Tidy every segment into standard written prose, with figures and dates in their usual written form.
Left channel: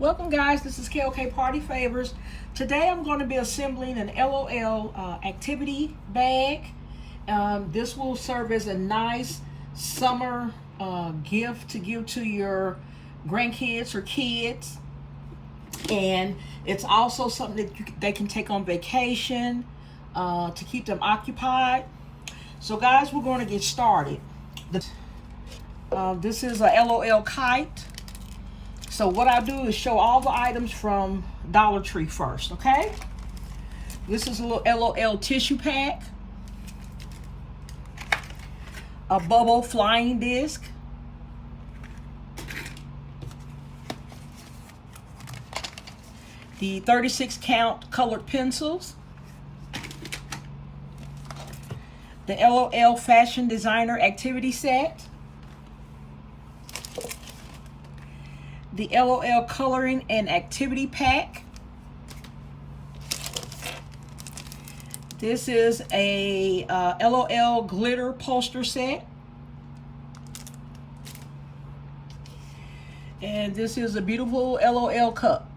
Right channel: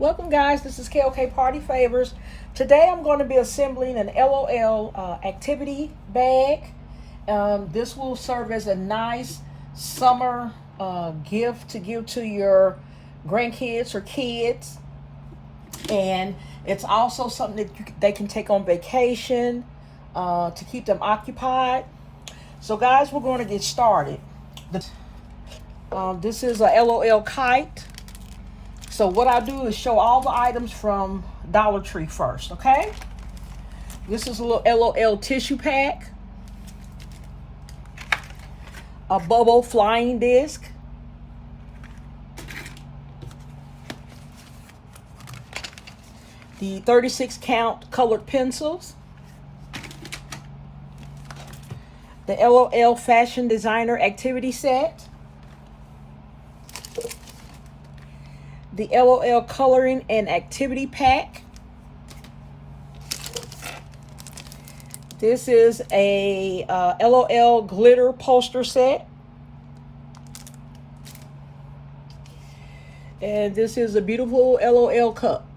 Welcome guys, this is KOK Party Favors. Today I'm going to be assembling an LOL activity bag. This will serve as a nice summer gift to give to your grandkids or kids. And it's also something that they can take on vacation to keep them occupied. So guys, we're going to get started. This is a LOL Kite. So what I do is show all the items from Dollar Tree first, okay? This is a little LOL tissue pack, a bubble flying disc, the 36 count colored pencils, the LOL Fashion Designer Activity Set, the LOL Coloring and Activity Pack. This is a LOL Glitter Poster Set. And this is a beautiful LOL cup.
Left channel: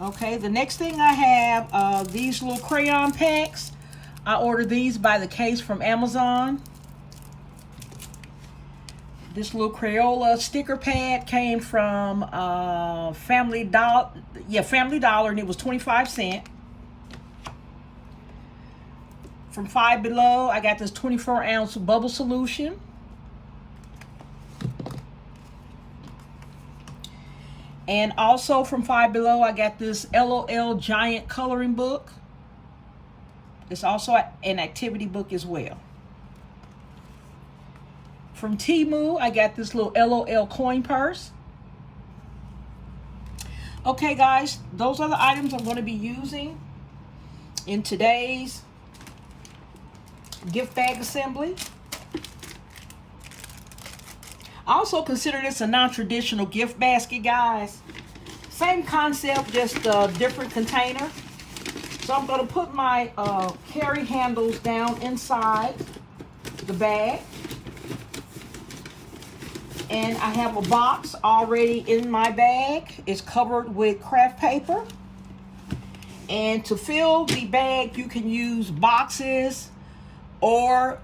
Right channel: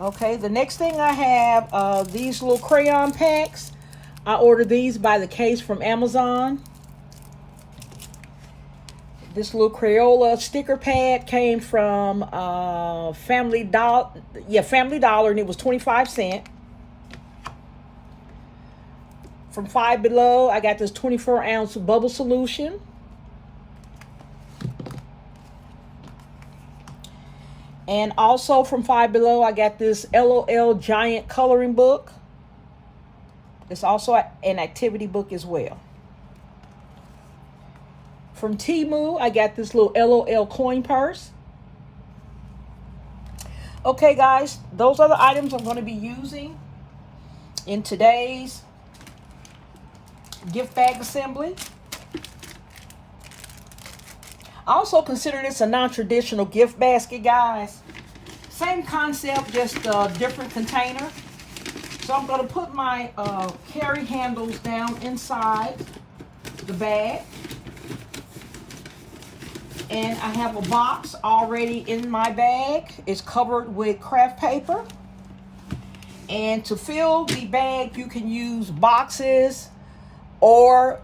Okay, the next thing I have, these little crayon packs. I ordered these by the case from Amazon. This little Crayola sticker pad came from Family Dollar, and it was 25 cents. From Five Below, I got this 24-ounce bubble solution. And also from Five Below, I got this LOL giant coloring book. It's also an activity book as well. From Temu, I got this little LOL coin purse. Okay, guys, those are the items I'm going to be using in today's gift bag assembly. I also consider this a non-traditional gift basket, guys. Same concept, just a different container. So I'm going to put my carry handles down inside the bag. And I have a box already in my bag. It's covered with craft paper. And to fill the bag, you can use boxes or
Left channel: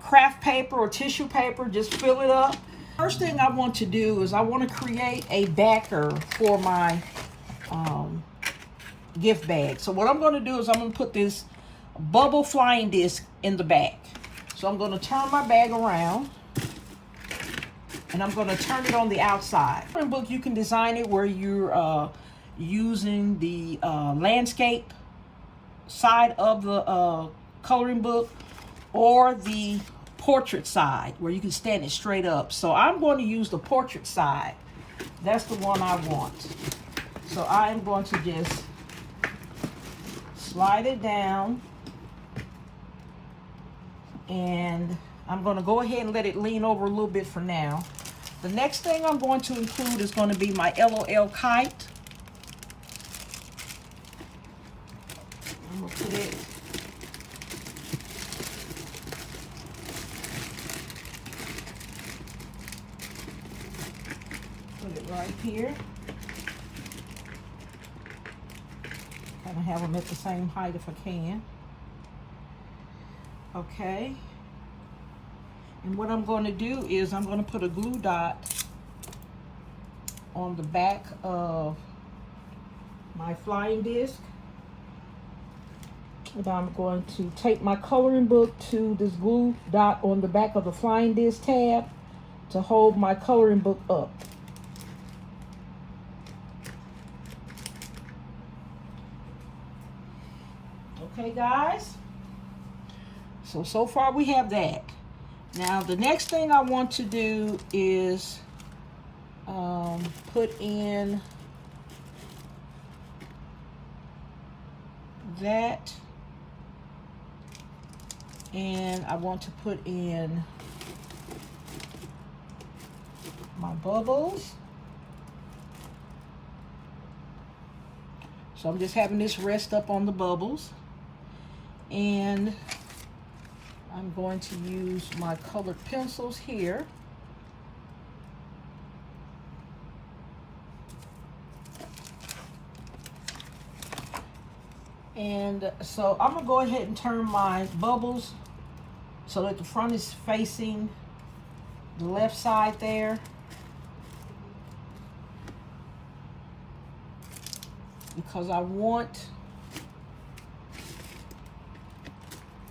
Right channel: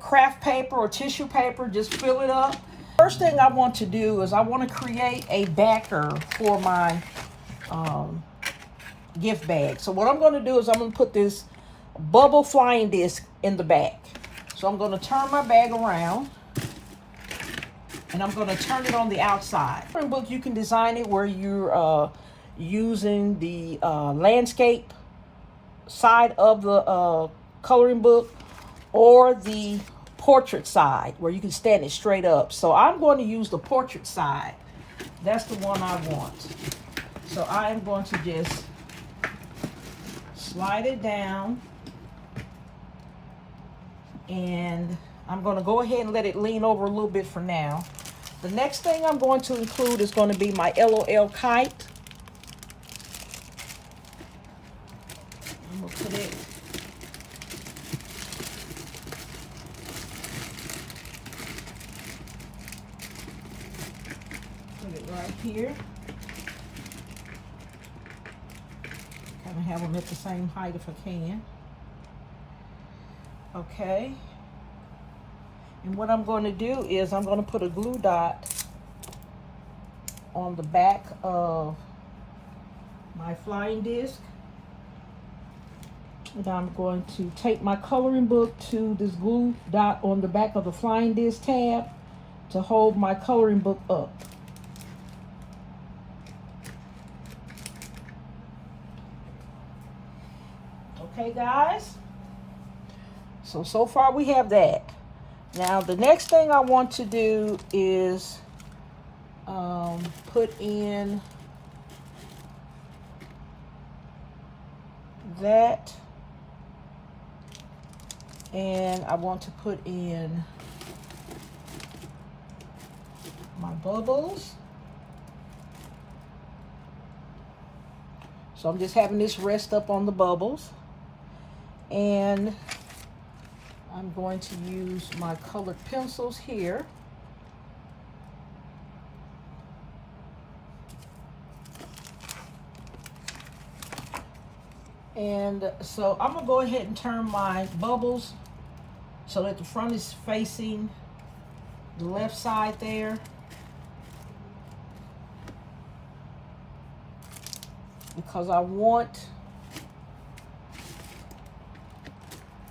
craft paper or tissue paper. Just fill it up. First thing I want to do is I want to create a backer for my gift bag. So what I'm going to do is I'm going to put this bubble flying disc in the back. So I'm going to turn my bag around. And I'm going to turn it on the outside. In the book, you can design it where you're using the landscape side of the coloring book or the portrait side where you can stand it straight up. So I'm going to use the portrait side. That's the one I want. So I am going to just slide it down. And I'm going to go ahead and let it lean over a little bit for now. The next thing I'm going to include is going to be my LOL Kite. I'm going to put it right here. Kind of have them at the same height if I can. Okay. And what I'm going to do is I'm going to put a glue dot on the back of my flying disc. And I'm going to take my coloring book to this glue dot on the back of the flying disc tab to hold my coloring book up. Okay, guys. So far we have that. Now the next thing I want to do is put in that, and I want to put in my bubbles. So I'm just having this rest up on the bubbles, and I'm going to use my colored pencils here And so I'm gonna go ahead and turn my bubbles so that the front is facing the left side there. Because I want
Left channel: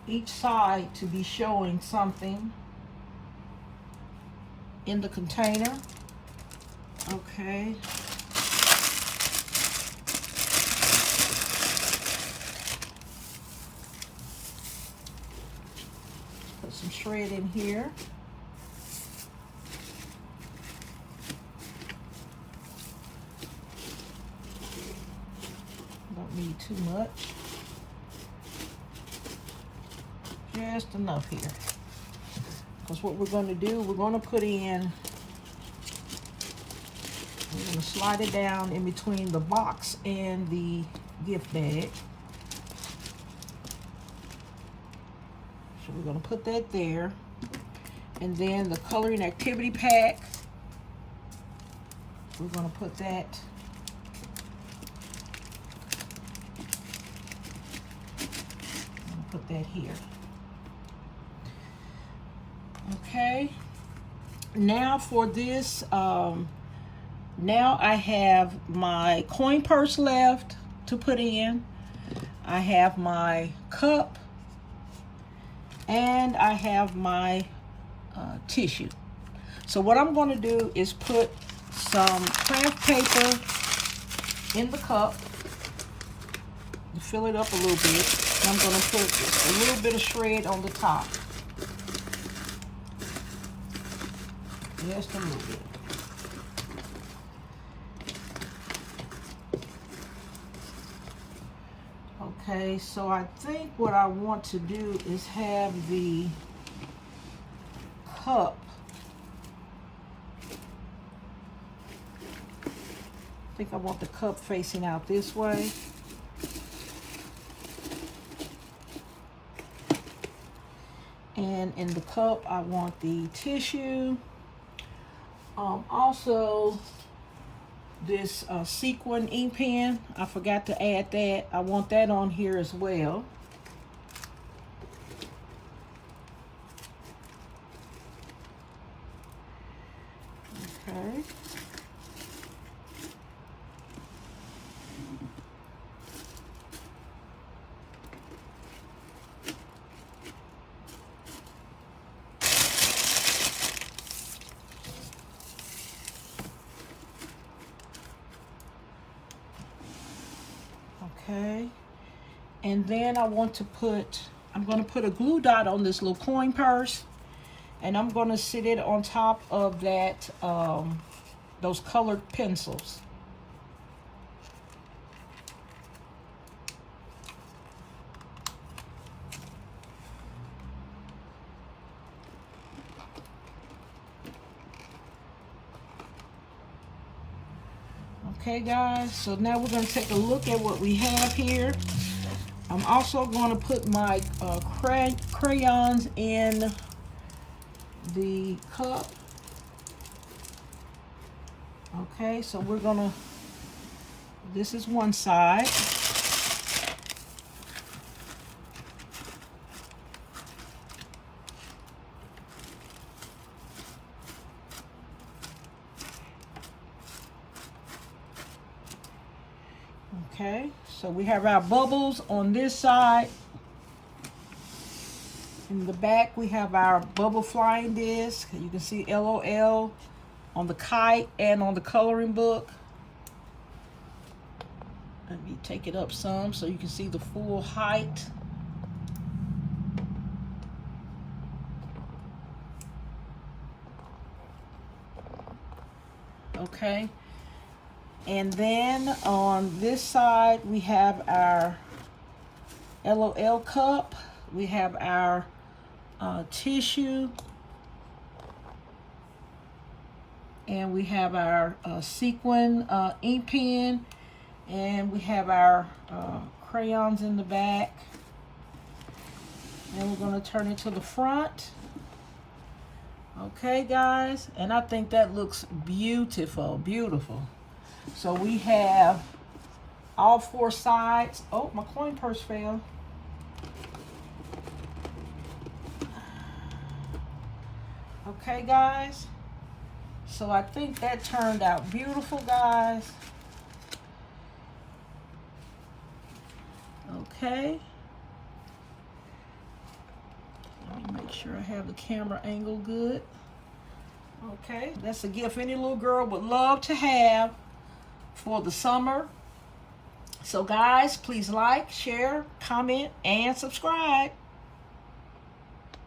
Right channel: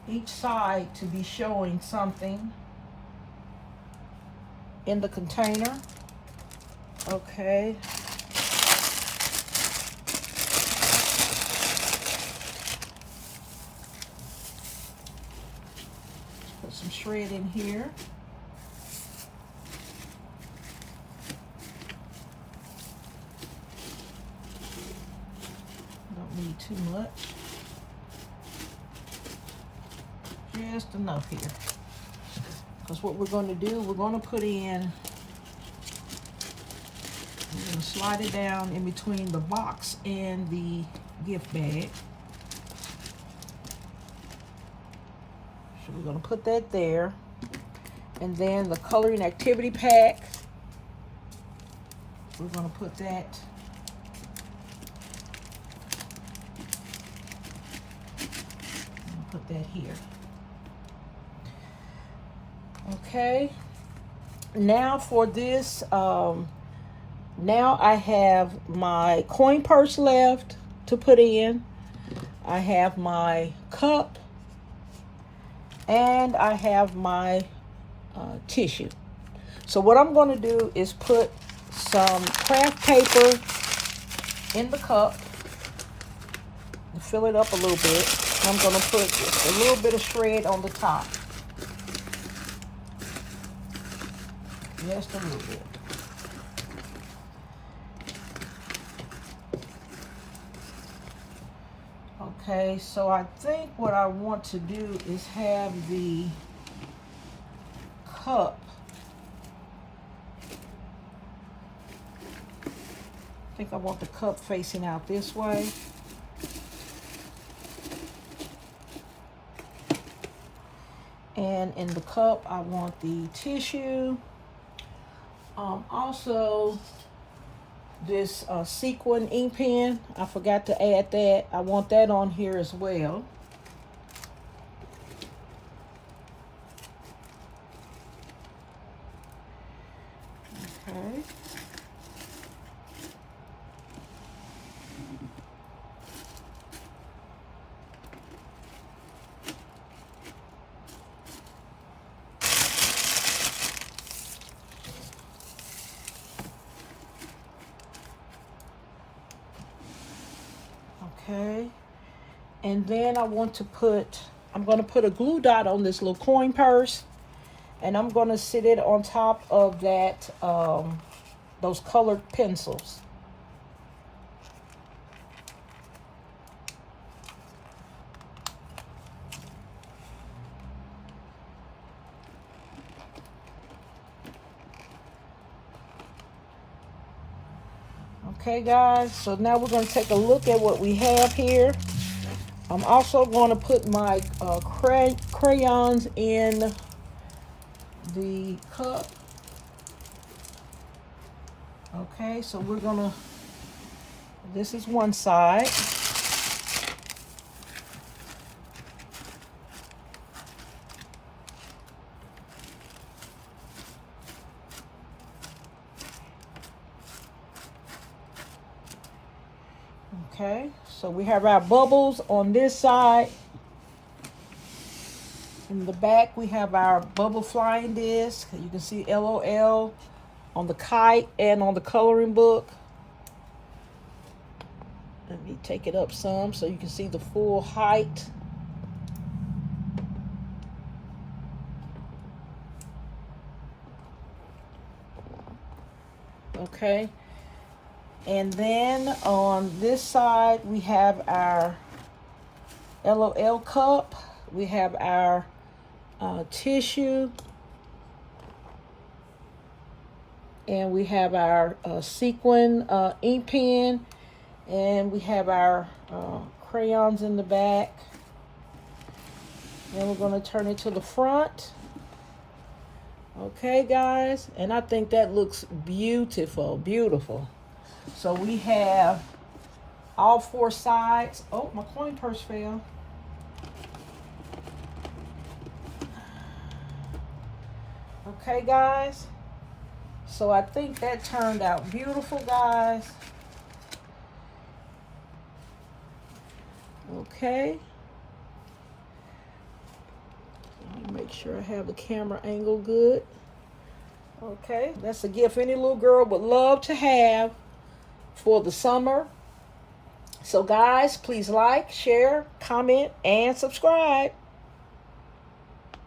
each side to be showing something in the container. Okay. Put some shred in here. Don't need too much. Just enough here. Because what we're going to do, we're going to put in, we're going to slide it down in between the box and the gift bag. So we're going to put that there. And then the coloring activity pack, we're going to put that here. Okay, now for this, now I have my coin purse left to put in. I have my cup, and I have my tissue. So what I'm going to do is put some craft paper in the cup to fill it up a little bit. I'm going to put just a little bit of shred on the top. Just a little bit. Okay, so I think what I want to do is have the cup I want the cup facing out this way. And in the cup, I want the tissue. Also, this Sequin Ink Pen, I forgot to add that. I want that on here as well. Okay. Okay, and then I'm going to put a glue dot on this little coin purse, and I'm going to sit it on top of that, those colored pencils. Okay guys, so now we're going to take a look at what we have here. I'm also going to put my crayons in the cup. Okay, so we're going to, this is one side. Okay, so we have our bubbles on this side. In the back, we have our bubble flying disc. You can see LOL on the Kite and on the coloring book. Let me take it up some so you can see the full height. Okay. And then on this side, we have our LOL cup. We have our tissue. And we have our Sequin ink pen. And we have our crayons in the back. And we're going to turn it to the front. Okay, guys. And I think that looks beautiful, beautiful. So we have all 4 sides. Oh, my coin purse fell. Okay, guys. So I think that turned out beautiful, guys. Okay. Let me make sure I have the camera angle good. Okay, that's a gift any little girl would love to have for the summer. So guys, please like, share, comment, and subscribe.